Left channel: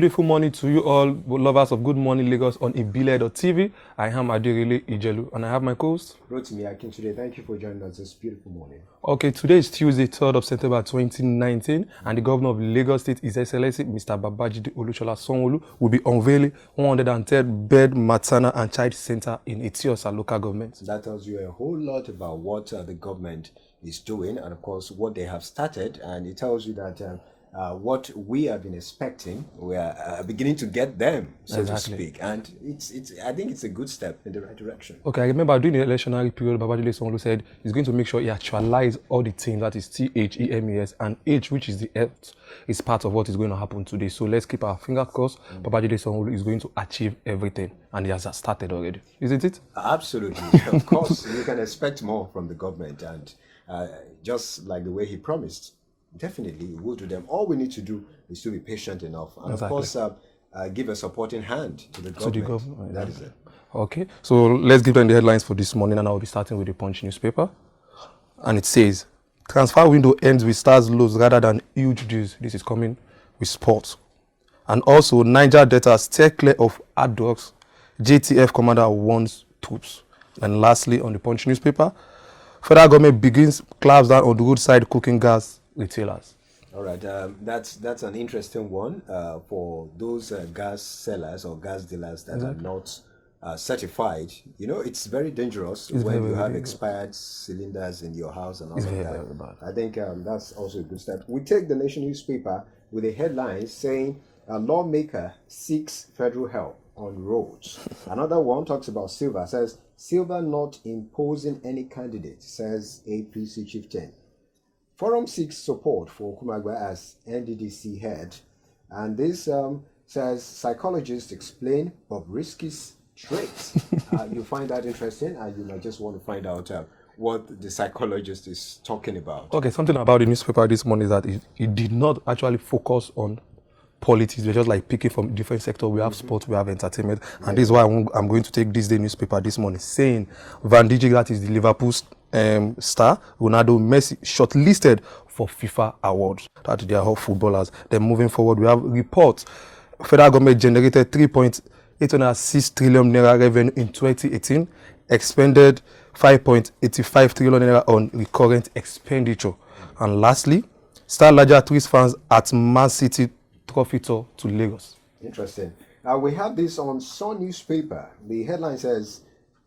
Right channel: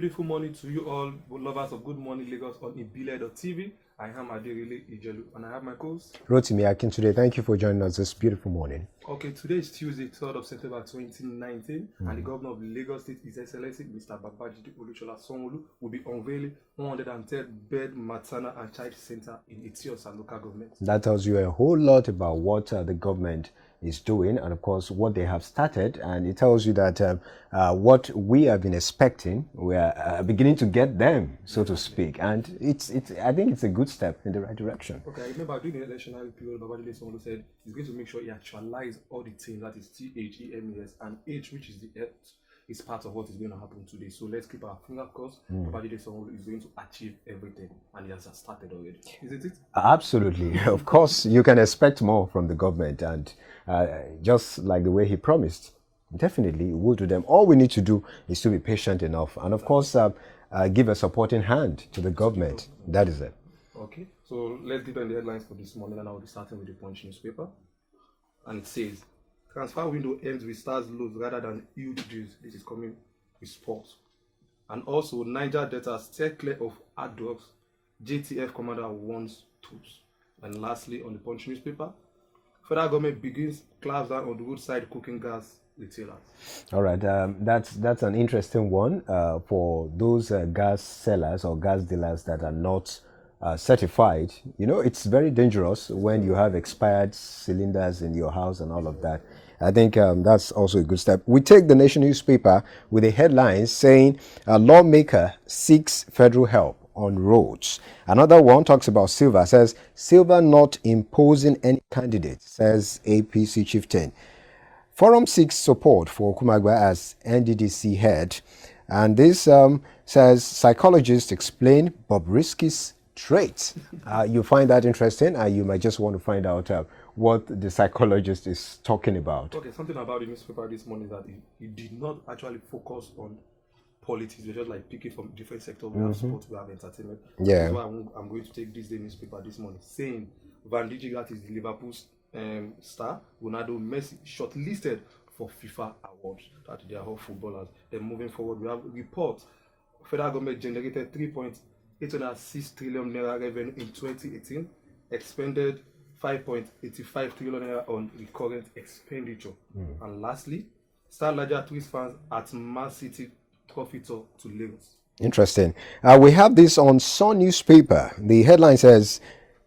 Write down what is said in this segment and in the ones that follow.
beautiful morning to you all, lovers of Good Morning Lagos on Ibile.tv. I am Adirele Ijelu and I have my co-host Rotimi Akin today. Thank you for joining us this beautiful morning. Okay, today is Tuesday, 3rd of September 2019, and the Governor of Lagos State, His Excellency Mr. Babajide Olusola Sanwo-Olu, will be unveiling 103rd bed maternal and child center in Etiosa local government. That tells you a whole lot about what the government is doing and of course what they have started, and it tells you that what we have been expecting, we are beginning to get them, so to speak, and I think it's a good step in the right direction. Okay, I remember during the electionary period, Babajide Sanwo-Olu said he's going to make sure he actualizes all the things, that is THEMES, and H, which is the health, is part of what is going to happen today. So let's keep our fingers crossed. Babajide Sanwo-Olu is going to achieve everything, and he has started already, isn't it? Absolutely. Of course, you can expect more from the government, and just like the way he promised, definitely we'll do them. All we need to do is to be patient enough, and of course give a supporting hand to the government. That is it. Okay, so let's give them the headlines for this morning, and I'll be starting with the Punch newspaper. And it says, transfer window ends with stars lows rather than huge deals. This is coming with sports. And also, Niger Delta stay clear of hard drugs. JTFCommander warns troops. And lastly, on the Punch newspaper, federal government begins clamps down on the roadside cooking gas retailers. All right, that's an interesting one for those gas sellers or gas dealers that are not certified. You know, it's very dangerous when you have expired cylinders in your house and all of that. I think that's also a good step. We take the Nation newspaper with a headline saying a lawmaker seeks federal help on roads. Another one talks about Silva, says Silva not imposing any candidate, says APC chieftain. Forum seeks support for Kumagba as NDDC head, and this says psychologists explain Bobrisky's traits. You find that interesting, and you might just want to find out what the psychologist is talking about. Okay, something about the newspaper this morning is that it did not actually focus on politics. We're just like picking from different sectors. We have sports, we have entertainment. And this is why I'm going to take this day newspaper this morning, saying Van Dijk, that is the Liverpool star, Ronaldo, Messi, shortlisted for FIFA awards. That they are all footballers. Then moving forward, we have reports. Federal government generated 3.806 trillion naira revenue in 2018, expended 5.85 trillion naira on recurrent expenditure. And lastly, Star larger twist fans at Man City trophy tour to Lagos. Interesting. We have this on Sun newspaper. The headline says,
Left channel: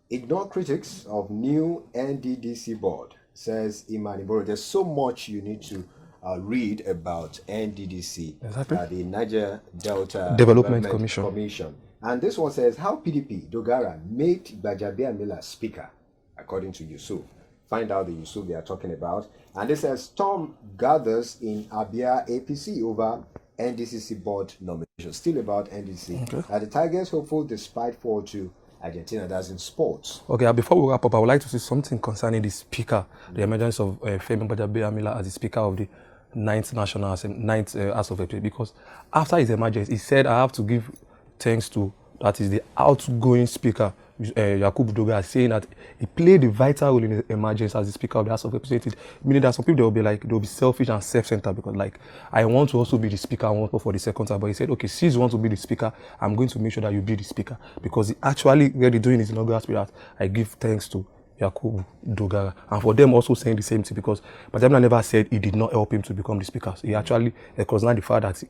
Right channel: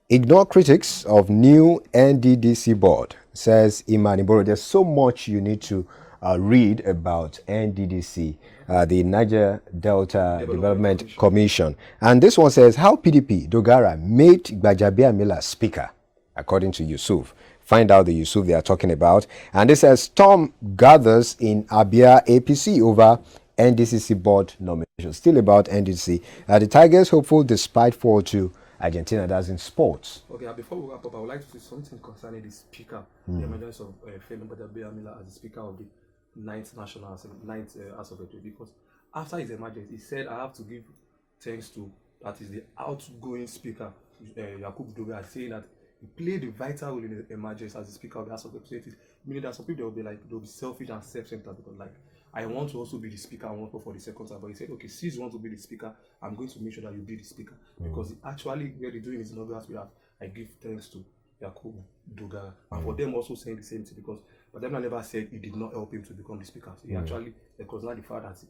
ignore critics of new NDDC board, says Imani Boro. There's so much you need to read about NDDC, the Niger Delta Development Commission. And this one says, how PDP Dogara made Gbajabiamila speaker, according to Yusuf. Find out the Yusuf they are talking about. And this says, storm gathers in Abia APC over NDCC board nomination. Still about NDC. The Tigers hopeful despite fall to Argentina. That's in sports. Okay, before we wrap up, I would like to say something concerning the speaker, the emergence of Femi Gbajabiamila as the speaker of the 9th National Assembly, 9th House of Representatives. Because after his emergence, he said, I have to give thanks to, that is the outgoing speaker, Yakubu Dogara, saying that he played a vital role in the emergence as the Speaker of the House of Representatives. Meaning that some people, they will be like, they will be selfish and self-centered because, like, I want to also be the Speaker, I want to for the second time. But he said, okay, since you want to be the Speaker, I'm going to make sure that you be the Speaker. Because he actually really doing his inaugural speech that I give thanks to Yakubu Dogara. And for them also saying the same thing, because Gbajabiamila never said he did not help him to become the Speaker. So he actually acknowledged the fact that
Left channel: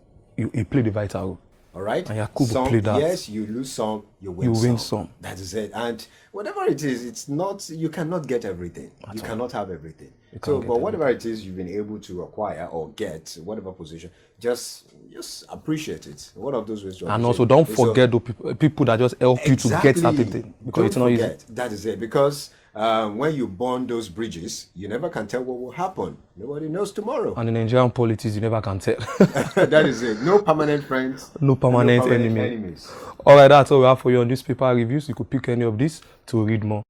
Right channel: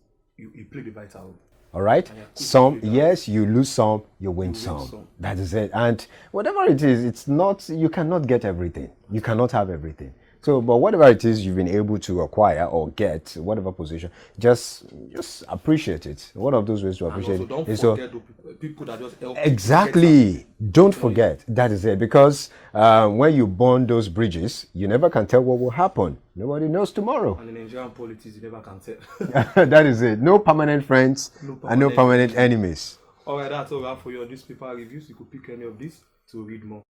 he played a vital role. All right. Some, yes, you lose some, you win some. That is it. And whatever it is, it's not, you cannot get everything. You cannot have everything. So, but whatever it is you've been able to acquire or get, whatever position, just appreciate it. One of those ways to appreciate. And also, don't forget the people that just help you to get everything. Don't forget. That is it. Because when you burn those bridges, you never can tell what will happen. Nobody knows tomorrow. And in Nigerian politics, you never can tell. That is it. No permanent friends. No permanent enemies. All right, that's all we have for you on newspaper reviews. You could pick any of these to read more.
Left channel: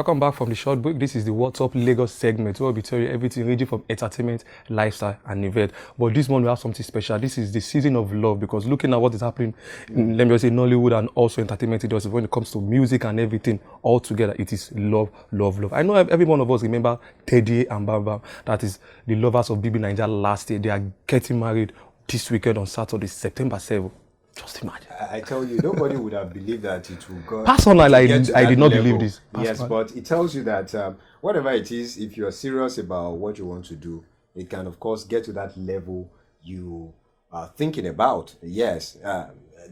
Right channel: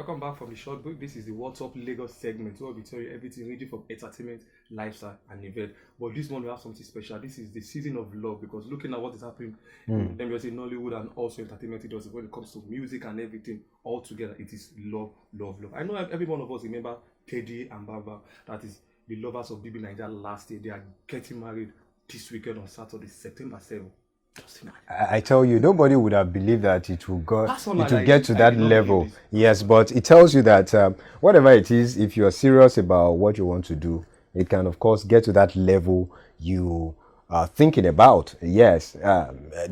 Welcome back from the short break. This is the What's Up Lagos segment where we'll be telling you everything ranging from entertainment, lifestyle, and event. But this month we have something special. This is the season of love, because looking at what is happening in, let me just say, Nollywood and also entertainment industry, when it comes to music and everything all together, it is love, love, love. I know every one of us remember Teddy and Bam Bam. That is the lovers of BB Niger last year. They are getting married this weekend on Saturday, September 7th. Just imagine. I tell you, nobody would have believed that it would go. Personally, I did not believe this. Yes, but it tells you that whatever it is, if you are serious about what you want to do, it can, of course, get to that level you are thinking about. Yes,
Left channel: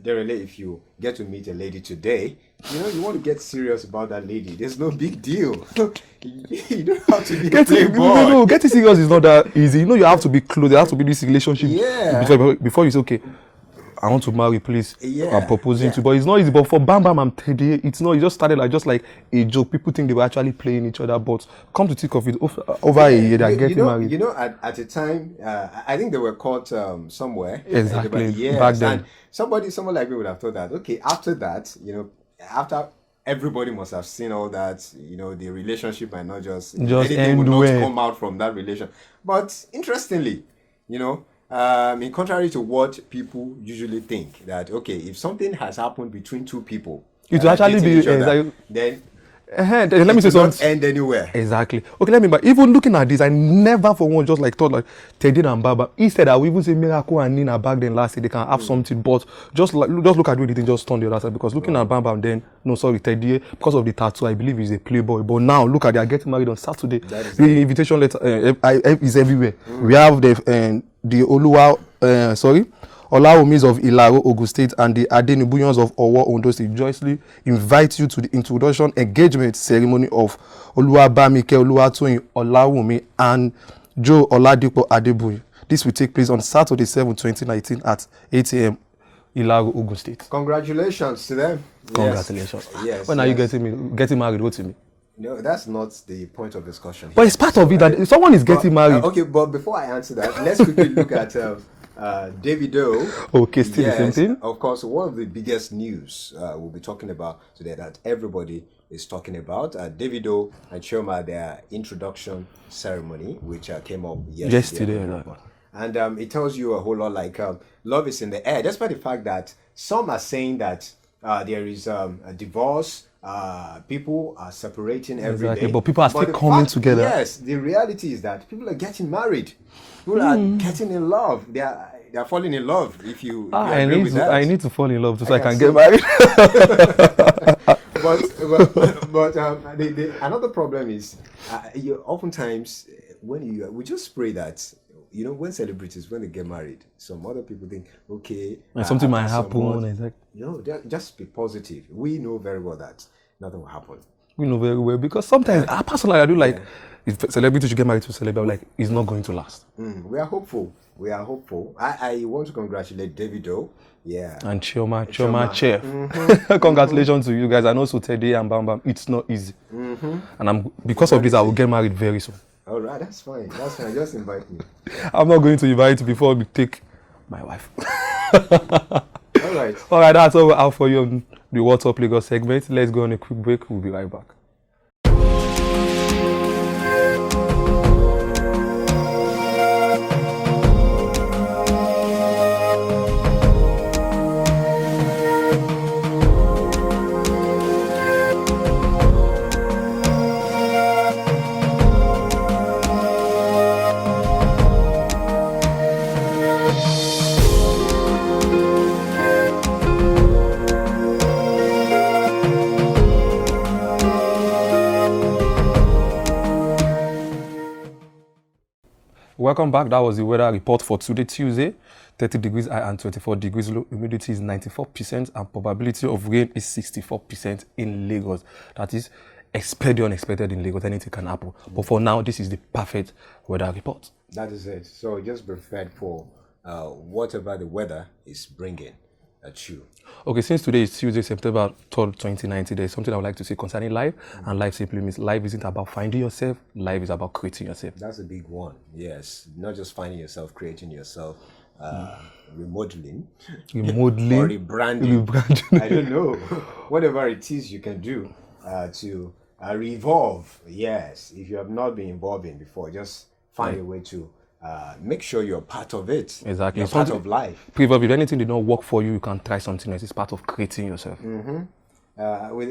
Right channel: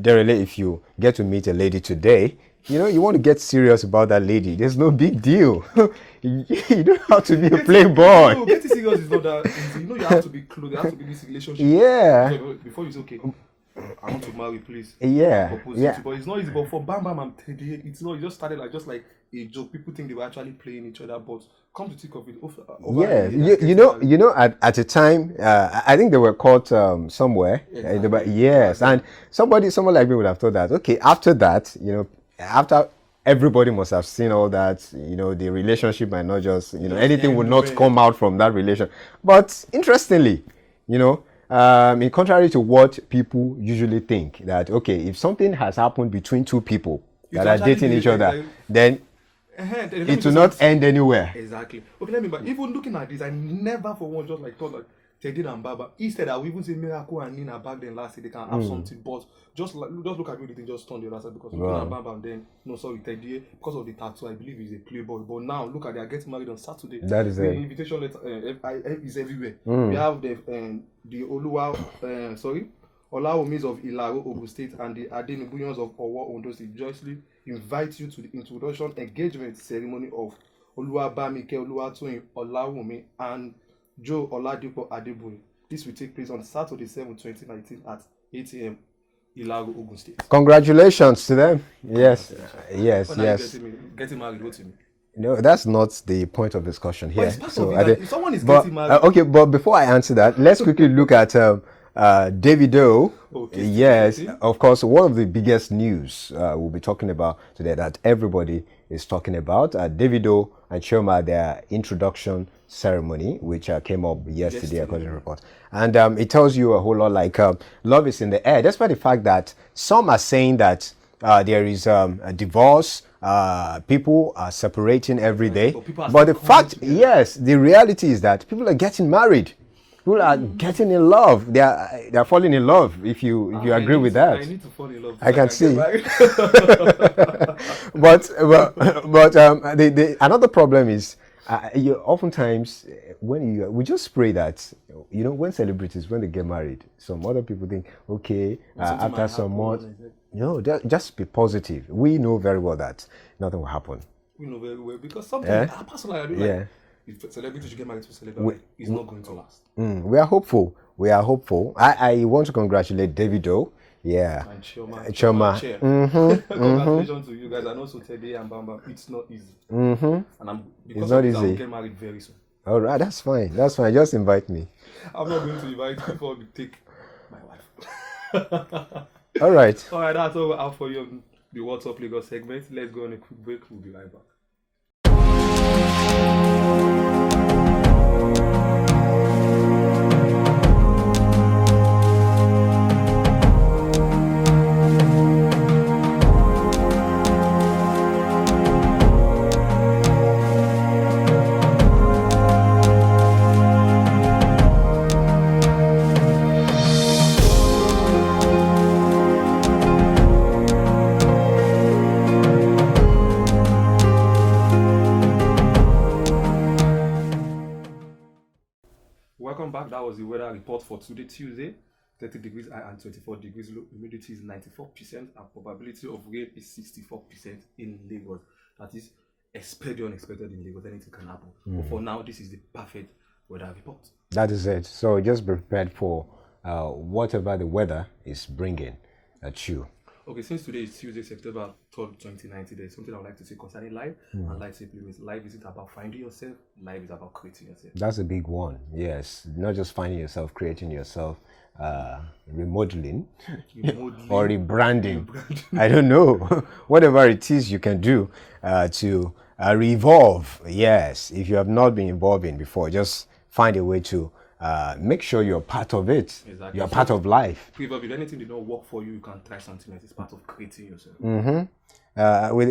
Derele, if you get to meet a lady today, you know, you want to get serious about that lady. There's no big deal. You don't have to be a playboy. No, getting serious is not that easy. You know, you have to be close. There has to be this relationship. Yeah. Before you say, okay, I want to marry, please. Yeah. I'm proposing to. But it's not easy. But for Bam Bam and Teddy, it's not. It just started like a joke. People think they were actually playing each other. But come to think of it, over a year, they're getting married. You know, at a time, I think they were caught somewhere. Exactly. Yes. And someone like me would have thought that, okay, after that, you know, after everybody must have seen all that, you know, the relationship might not just anything would not come out from that relation. But interestingly, you know, in contrary to what people usually think, that okay, if something has happened between two people it will actually be each other, then let me it say will not end anywhere. Exactly. Okay, but even looking at this, I never for one just like thought like Teddy and Baba. Instead, I would even say Miracle and Nina back then last year they can have something, but just look at the way the thing just turned the other side, because looking at Bam Bam then, no sorry, Teddy, because of the tattoo, I believe he's a playboy. But now look at they are getting married on Saturday. That is the invitation letter is everywhere. We have the Olawumis of Ilaro, Ogun State, and the Adenibuyans of Owo, Ondo State joyously invite you to the introduction engagement ceremony of Oluwabamike Oluwatoyin Olawumi and Joe Oladipo Adebuyi. This will take place on Saturday, 7, 2019 at 8 a.m. Ilaro, Ogun State. Congratulations to them. Congratulations. Yes. When are you getting married? What to me? No, that's not the point of discussion here. But it's part of it that if someone is getting married. Okay, but before I answer that, let's quickly look at Davido. Okay, yes, of course, one of the biggest news we'll be talking about today that everybody is talking about. Davido and Chioma, their introduction ceremony, which came up yesterday. Right. And it tells you a whole lot, like love is in the air, despite the fact that some are saying that there is a divorce, people are separating every day. But people are still coming together. Yes, the reality is that people are getting married. People are getting in love. They are falling in love. If you agree with that, I need to fall in love so I can get married. but another problem is you oftentimes we just pray that, you know, when celebrities, when they get married, some other people think, okay, something might happen. No, just be positive. We know very well that nothing will happen. We know very well, because sometimes personally I do like. If celebrities should get married to a celebrity, like, it's not going to last. We are hopeful. I want to congratulate Davido. Yeah. And Chioma. Congratulations to you guys. And also Teddy and Bam Bam. It's not easy. And because of this, I will get married very soon. All right, that's fine. Just invite me. I'm not going to invite you before we take my wife. All right, that's all we have for you on the What's Up Lagos segment. Let's go on a quick break. We'll be right back. Welcome back. That was the weather report for today, Tuesday. 30 degrees high and 24 degrees low. Humidity is 94% and probability of rain is 64% in Lagos. That is expect the unexpected in Lagos. Anything can happen. But for now, this is the perfect weather report. That is it. So just be prepared for whatever the weather is bringing at you. Okay, since today is Tuesday, September 3rd, 2019, there's something I would like to say concerning life. And life simply means life isn't about finding yourself. Life is about creating yourself. That's a big one. Yes. Not just finding yourself, creating yourself. Remodeling or rebranding. I don't know. Whatever it is you can do to Revolve. Yes. If you have not been involving before, just find a way to make sure you're part of it. Exactly. You're part of life. Previous, if anything did not work for you, you can try something else. It's part of creating yourself. With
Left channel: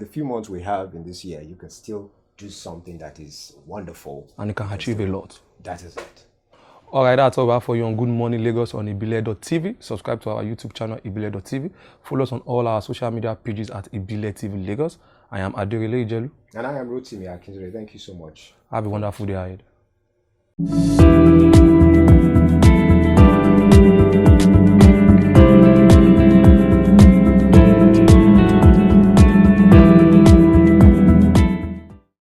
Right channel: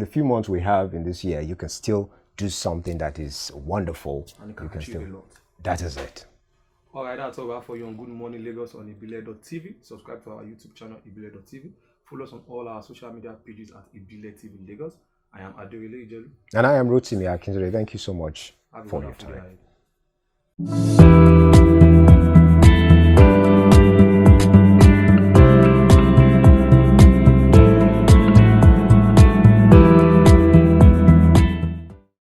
the few months we have in this year, you can still do something that is wonderful. And you can achieve a lot. That is it. All right, that's all we have for you on Good Morning Lagos on ibile.tv. Subscribe to our YouTube channel, ibile.tv. Follow us on all our social media pages at Ibile TV Lagos. I am Aderele Ijelu. And I am Rotimi Akinzere. Thank you so much. Have a wonderful day ahead.